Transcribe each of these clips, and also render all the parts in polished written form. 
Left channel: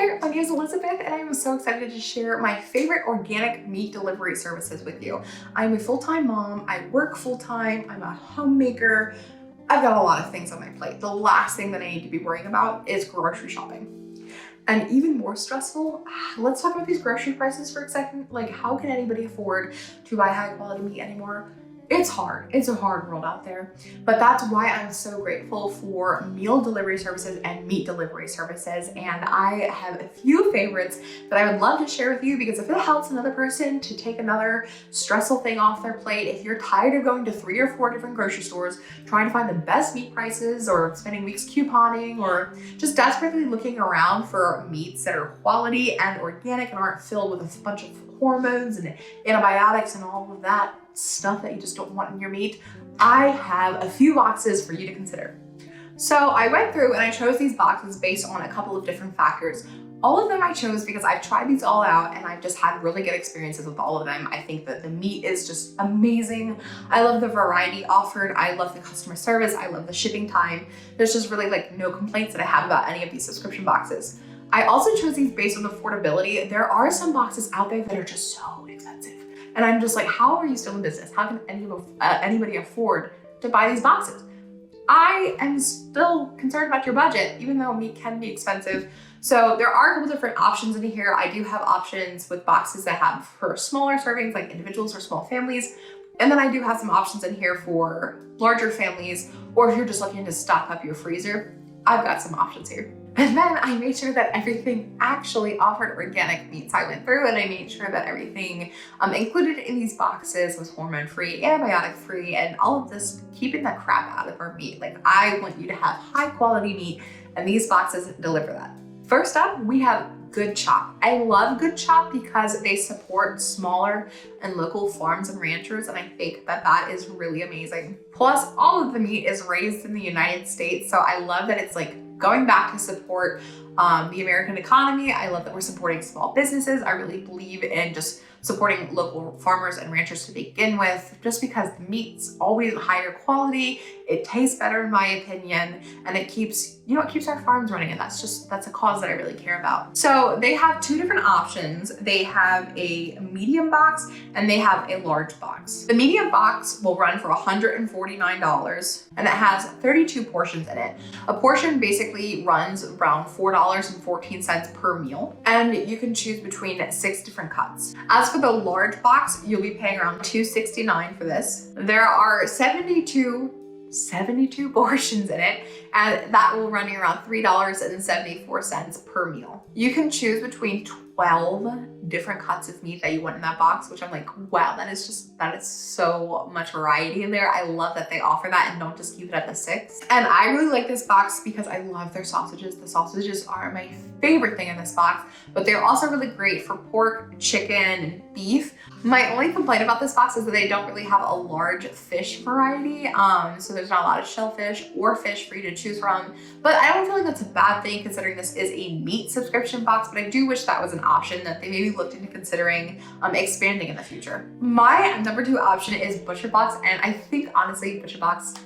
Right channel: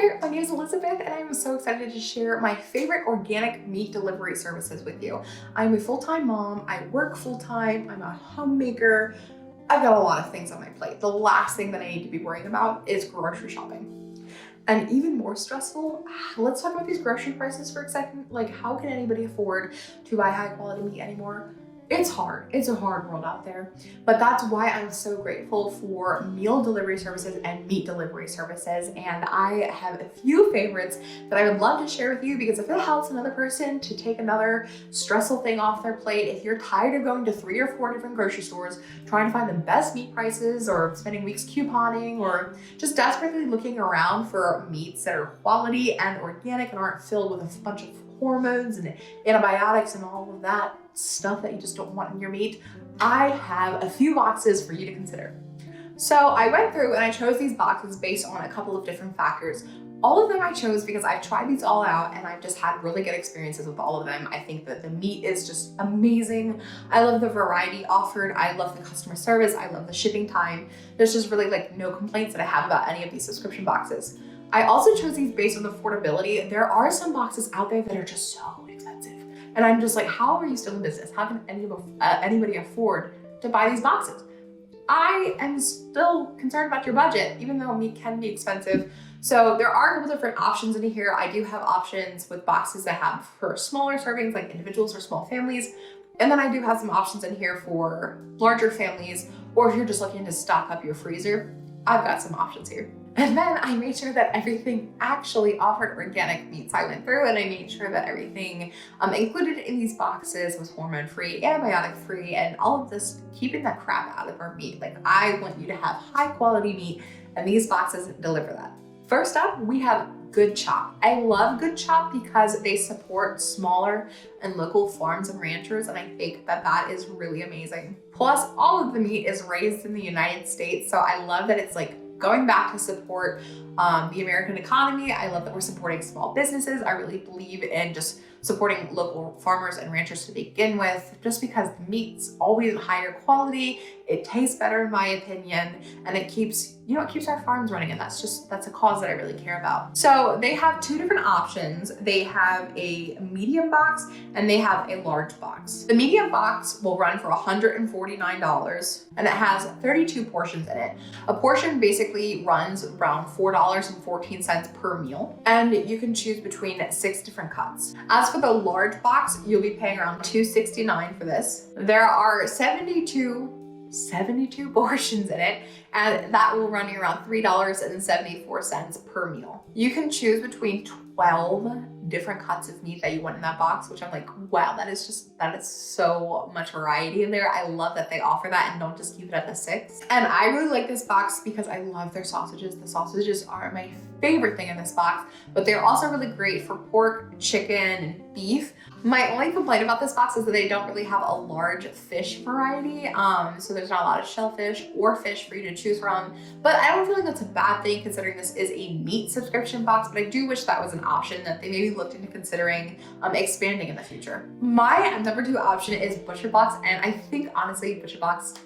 Hi there, my name is Elizabeth and I'm so excited to share my favorite organic meat delivery services with you. I'm a full-time mom, I work full-time, I'm a homemaker. I've got a lot of things on my plate. The last thing that I need to be worrying about is grocery shopping. And even more stressful, let's talk about these grocery prices for a second. Like, how can anybody afford to buy high quality meat anymore? It's hard. It's a hard world out there. But that's why I'm so grateful for meal delivery services and meat delivery services. And I have a few favorites that I would love to share with you, because if it helps another person to take another stressful thing off their plate, if you're tired of going to 3 or 4 different grocery stores, trying to find the best meat prices, or spending weeks couponing, or just desperately looking around for meats that are quality and organic and aren't filled with a bunch of hormones and antibiotics and all of that stuff that you just don't want in your meat, I have a few boxes for you to consider. So I went through and I chose these boxes based on a couple of different factors. All of them I chose because I've tried these all out and I've just had really good experiences with all of them. I think that the meat is just amazing. I love the variety offered. I love the customer service. I love the shipping time. There's just really like no complaints that I have about any of these subscription boxes. I also chose these based on affordability. There are some boxes out there that are just so expensive. And I'm just like, how are you still in business? How can anybody afford to buy these boxes? I am still concerned about your budget, even though meat can be expensive. So there are a couple different options in here. I do have options with boxes that have for smaller servings, like individuals or small families. And then I do have some options in here for larger families, or if you're just looking to stock up your freezer, I've got some options here. And then I made sure that everything actually offered organic meats. I went through and I made sure that everything included in these boxes was hormone-free, antibiotic-free, and all of this keeping the crap out of our meat. Like, I want you to have high quality meat, and these boxes deliver that. First up, we have Good Chop. I love Good Chop because they support smaller and local farms and ranchers, and I think that that is really amazing. Plus, all of the meat is raised in the United States, so I love that it's like going back to support the American economy. I love that we're supporting small businesses. I really believe in just supporting local farmers and ranchers to begin with, just because the meat's always higher quality, it tastes better in my opinion, and it keeps, it keeps our farms running, and that's a cause that I really care about. So they have 2 different options. They have a medium box and they have a large box. The medium box will run for $149 and it has 32 portions in it. A portion basically runs around $4.14 per meal, and you can choose between 6 different cuts. As for the large box, you'll be paying around $269 for this. There are 72 portions in it, and that will run you around $3.74 per meal. You can choose between 12 different cuts of meat that you want in that box, which I'm like, wow, that is so much variety in there. I love that they offer that and don't just keep it at the 6. And I really like this box because I love their sausages. The sausages are my favorite thing in this box, but they're also really great for pork, chicken, and beef. My only complaint about this box is that they don't really have a large fish variety. So there's not a lot of shellfish or fish for you to choose from, but I don't feel like that's a bad thing considering this is a meat subscription box, but I do wish that was an option that they maybe looked into considering expanding in the future. My number 2 option is Butcherbox, and I think honestly, Butcherbox,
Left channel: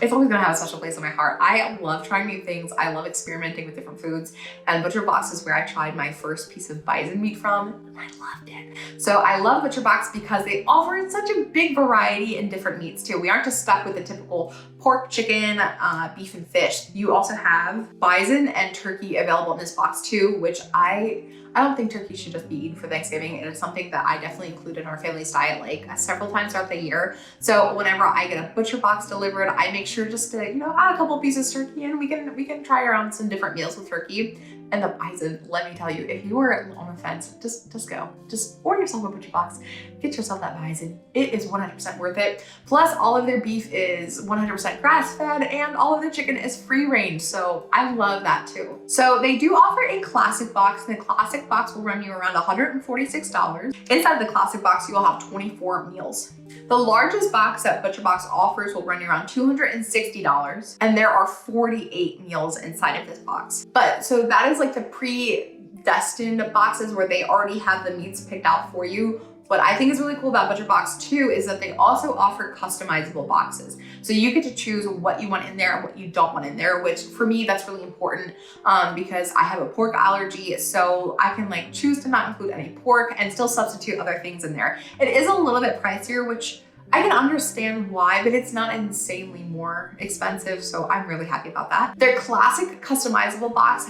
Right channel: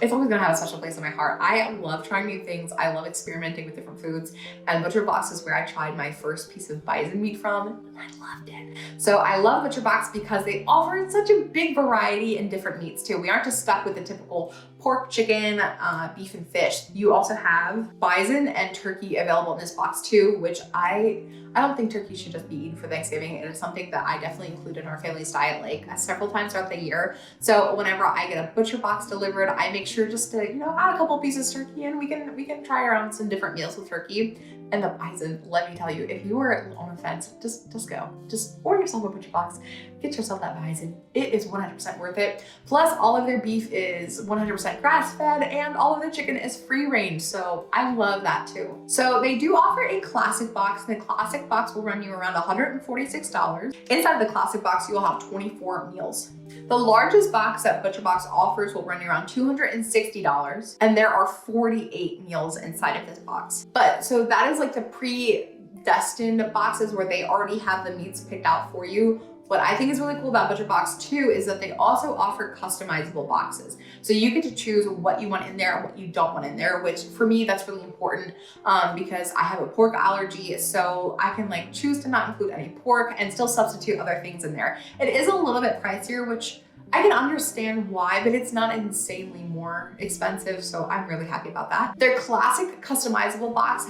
it's always gonna have a special place in my heart. I love trying new things. I love experimenting with different foods, and Butcherbox is where I tried my first piece of bison meat from, and I loved it. So I love Butcherbox because they offer such a big variety in different meats too. We aren't just stuck with the typical pork, chicken, beef, and fish. You also have bison and turkey available in this box too, which I don't think turkey should just be eaten for Thanksgiving. It is something that I definitely include in our family's diet like several times throughout the year. So whenever I get a butcher box delivered, I make sure just to, add a couple pieces of turkey, and we can try around some different meals with turkey. And the bison, let me tell you, if you were on the fence, just go. Just order yourself a butcher box, get yourself that bison. It is 100% worth it. Plus, all of their beef is 100% grass-fed, and all of their chicken is free-range, so I love that too. So they do offer a classic box, and the classic box will run you around $146. Inside the classic box, you will have 24 meals. The largest box that Butcherbox offers will run you around $260, and there are 48 meals inside of this box. But so that is like the predestined boxes where they already have the meats picked out for you. What I think is really cool about Butcherbox too is that they also offer customizable boxes. So you get to choose what you want in there and what you don't want in there, which for me, that's really important because I have a pork allergy. So I can like choose to not include any pork and still substitute other things in there. It is a little bit pricier, which I can understand why, but it's not insanely more expensive, so I'm really happy about that. Their classic customizable box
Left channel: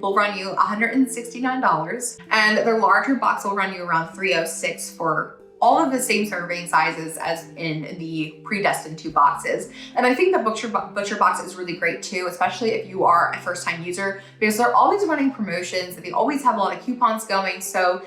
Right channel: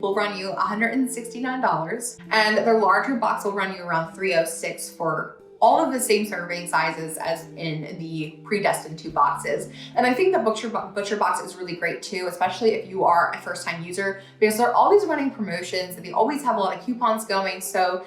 will run you $169, and their larger box will run you around $306 for all of the same serving sizes as in the predestined 2 boxes. And I think the Butcherbox is really great too, especially if you are a first-time user, because they're always running promotions and they always have a lot of coupons going. So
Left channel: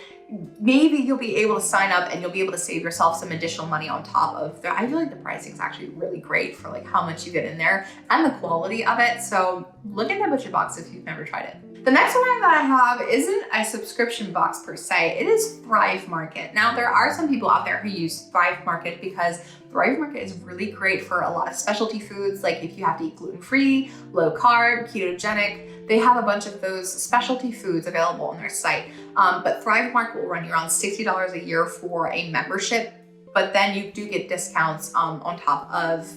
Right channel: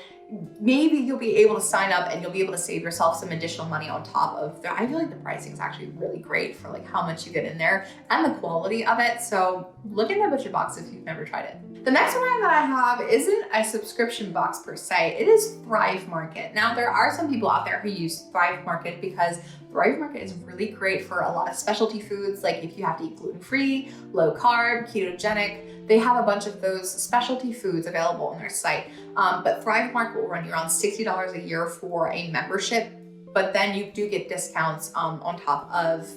maybe you'll be able to sign up and you'll be able to save yourself some additional money on top of I feel like the pricing is actually really great for like how much you get in there and the quality of it. So look into Butcherbox if you've never tried it. The next one that I have isn't a subscription box per se, it is Thrive Market. Now there are some people out there who use Thrive Market because Thrive Market is really great for a lot of specialty foods, like if you have to eat gluten-free, low carb, ketogenic. They have a bunch of those specialty foods available on their site. But Thrive Market will run you around $60 a year for a membership, but then you do get discounts on top of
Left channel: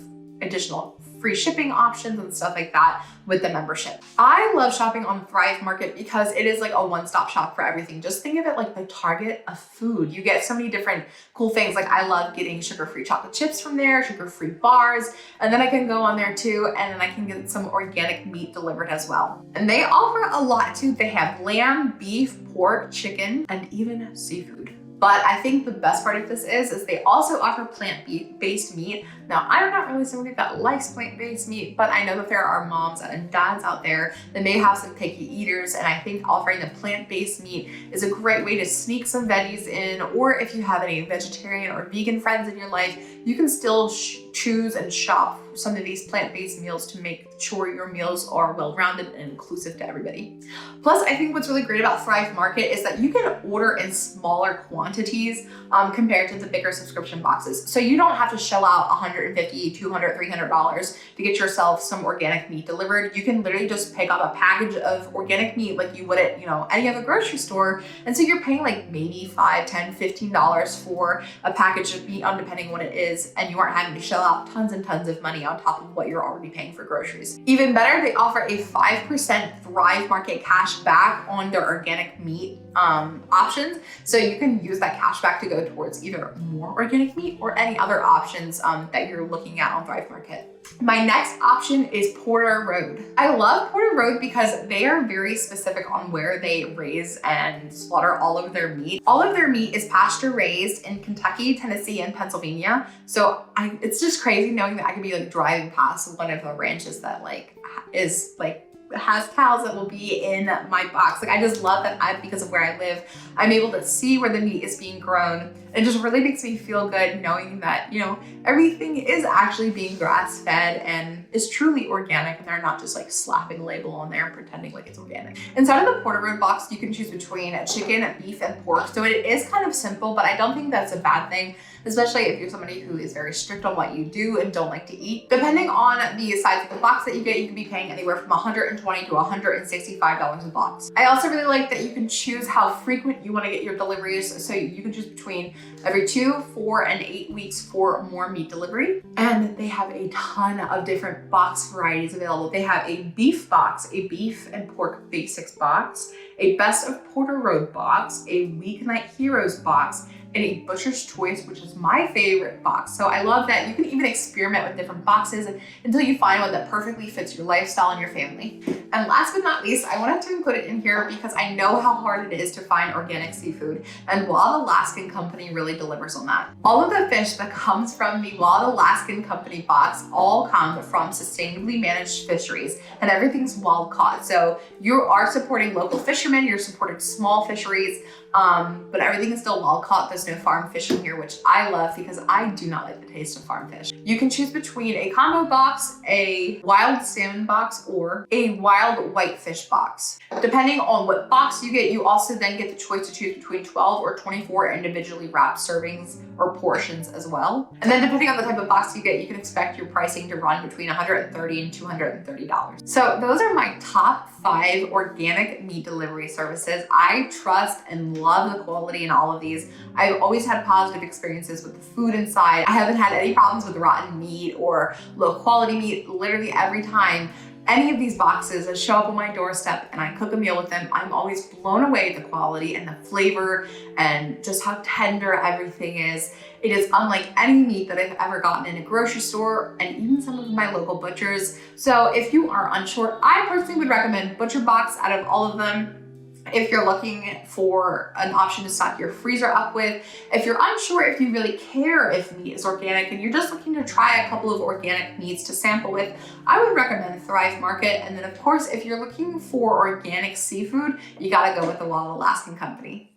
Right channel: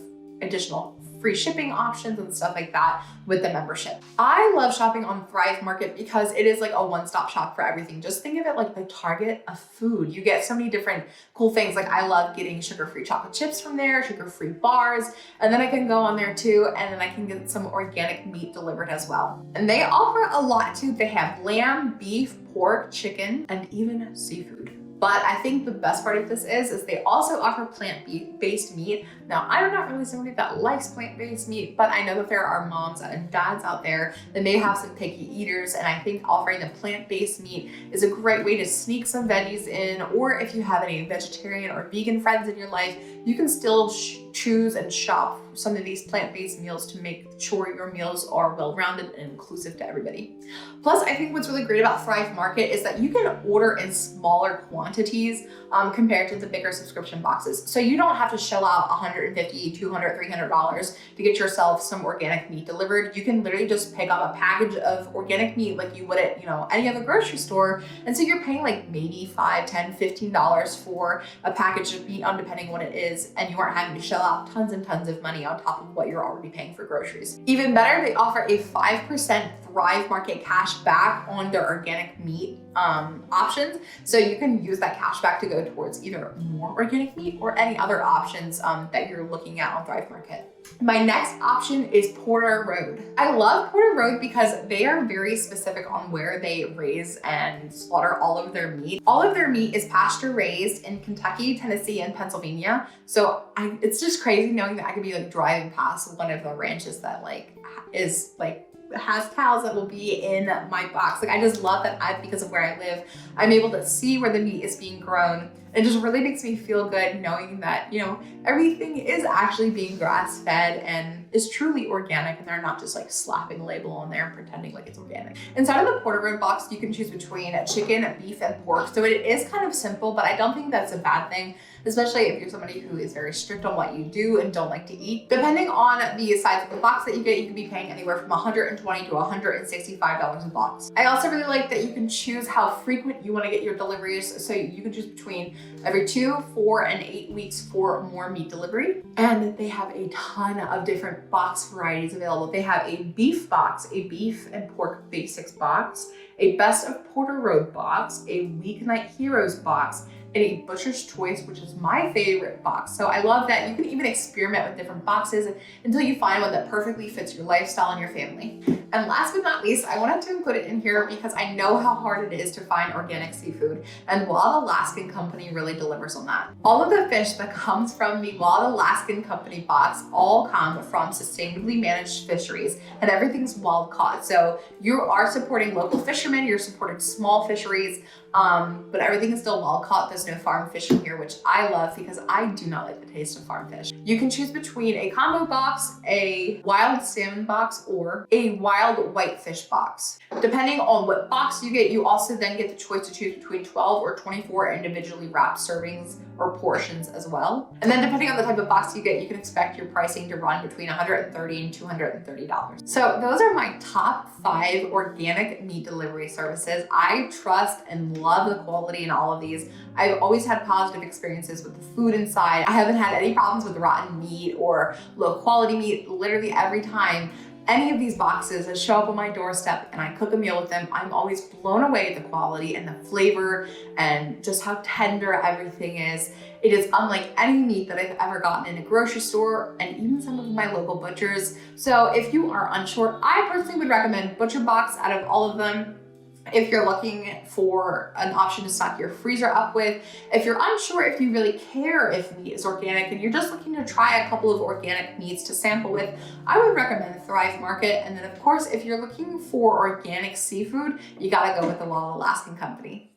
additional free shipping options and stuff like that with the membership. I love shopping on Thrive Market because it is like a one-stop shop for everything. Just think of it like the Target of food. You get so many different cool things. Like I love getting sugar-free chocolate chips from there, sugar-free bars, and then I can go on there too, and then I can get some organic meat delivered as well. And they offer a lot too. They have lamb, beef, pork, chicken, and even seafood. But I think the best part of this is they also offer plant-based meat. Now, I'm not really somebody that likes plant-based meat, but I know that there are moms and dads out there that may have some picky eaters, and I think offering the plant-based meat is a great way to sneak some veggies in, or if you have any vegetarian or vegan friends in your life, you can still choose and shop some of these plant-based meals to make sure your meals are well-rounded and inclusive to everybody. Plus, I think what's really great about Thrive Market is that you can order in smaller quantities compared to the bigger subscription boxes. So you don't have to shell out $150, $200, $300 to get yourself some organic meat delivered. You can literally just pick up a package of organic meat like you would at any other grocery store. And so you're paying like maybe $5, $10, $15 for a package of meat, depending on what it is, and you aren't having to shell out tons and tons of money on top of what you're already paying for groceries. Even better, they offer a 5% Thrive Market cash back on their organic meat options. So you can use that cash back to go towards either more organic meat or any other options that you're looking at on Thrive Market. My next option is Porter Road. I love Porter Road because they are very specific on where they raise and slaughter all of their meat. All of their meat is pasture raised in Kentucky, Tennessee, and Pennsylvania. So it's just crazy knowing that I could be like driving past one of the ranches that has cows that will be in my box. Like I just love that because of where I live, I'm able to see where the meat is being grown. It just really makes me feel good knowing that, everything is actually being grass fed and is truly organic, and they're not just like slapping a label on there and pretending like it's organic. Inside of the Porter Road box, you can choose between chicken, beef, and pork. So it is kind of simple, but I don't think that's a bad thing, especially if you're somebody who is very strict on what you do and don't like to eat. Depending on the size of the box that you get, you can be paying anywhere from $120 to $165 a box. I also really like that you can choose how frequent you want to get your deliveries. So you can choose between every 2, 4, and 8 weeks for more meat delivery. And they have a ton of different box varieties available. They have a beef box, a beef and pork basics box, a best of Porter Road box, a weeknight heroes box, and a Butcher's Choice, which is my favorite box. So I love that you can even experiment with different boxes until you find one that perfectly fits your lifestyle and your family. And last but not least, I wanted to include it in here because I know how hard it is to find organic seafood, and Wild Alaskan Company really delivers on that. All of the fish that comes from the Wild Alaskan Company box all come from sustainably managed fisheries, and everything's wild caught. So you are supporting local fishermen, you're supporting small fisheries, but everything is still wild caught. There's no farm fish in here, which I love because I do not like the taste of farm fish. You can choose between a combo box, a wild salmon box, or a wild whitefish box. Depending on what box you get, you also then get the choice to choose between 12 or 24 individually wrapped servings or portions as well. And then depending on the type of box you get, you can expect your pricing to run between $130 and $230. So those are my top 5 organic meat delivery services. I trust and love the quality in all of these. I've always had positive experiences with the food inside. I haven't had any problems with rotten meat or low quality meat. Literally every time any of these boxes show up on my doorstep and I cook a meal with them, I'm always blown away at the quality and the flavor and just how tender everything is. It is unlike any meat that I've ever gotten in a grocery store and even some of my local butchers. So if you are unsure, I personally would recommend Butcherbox out of all of them. If you're looking for an option to stock your freezer up with, if you're unsure if you really care if meat is organic and you're just looking to try a couple of organic meats to sample with, I would recommend Thrive Market. And then of course, if you're looking for organic seafood, you gotta go with the Alaskan company.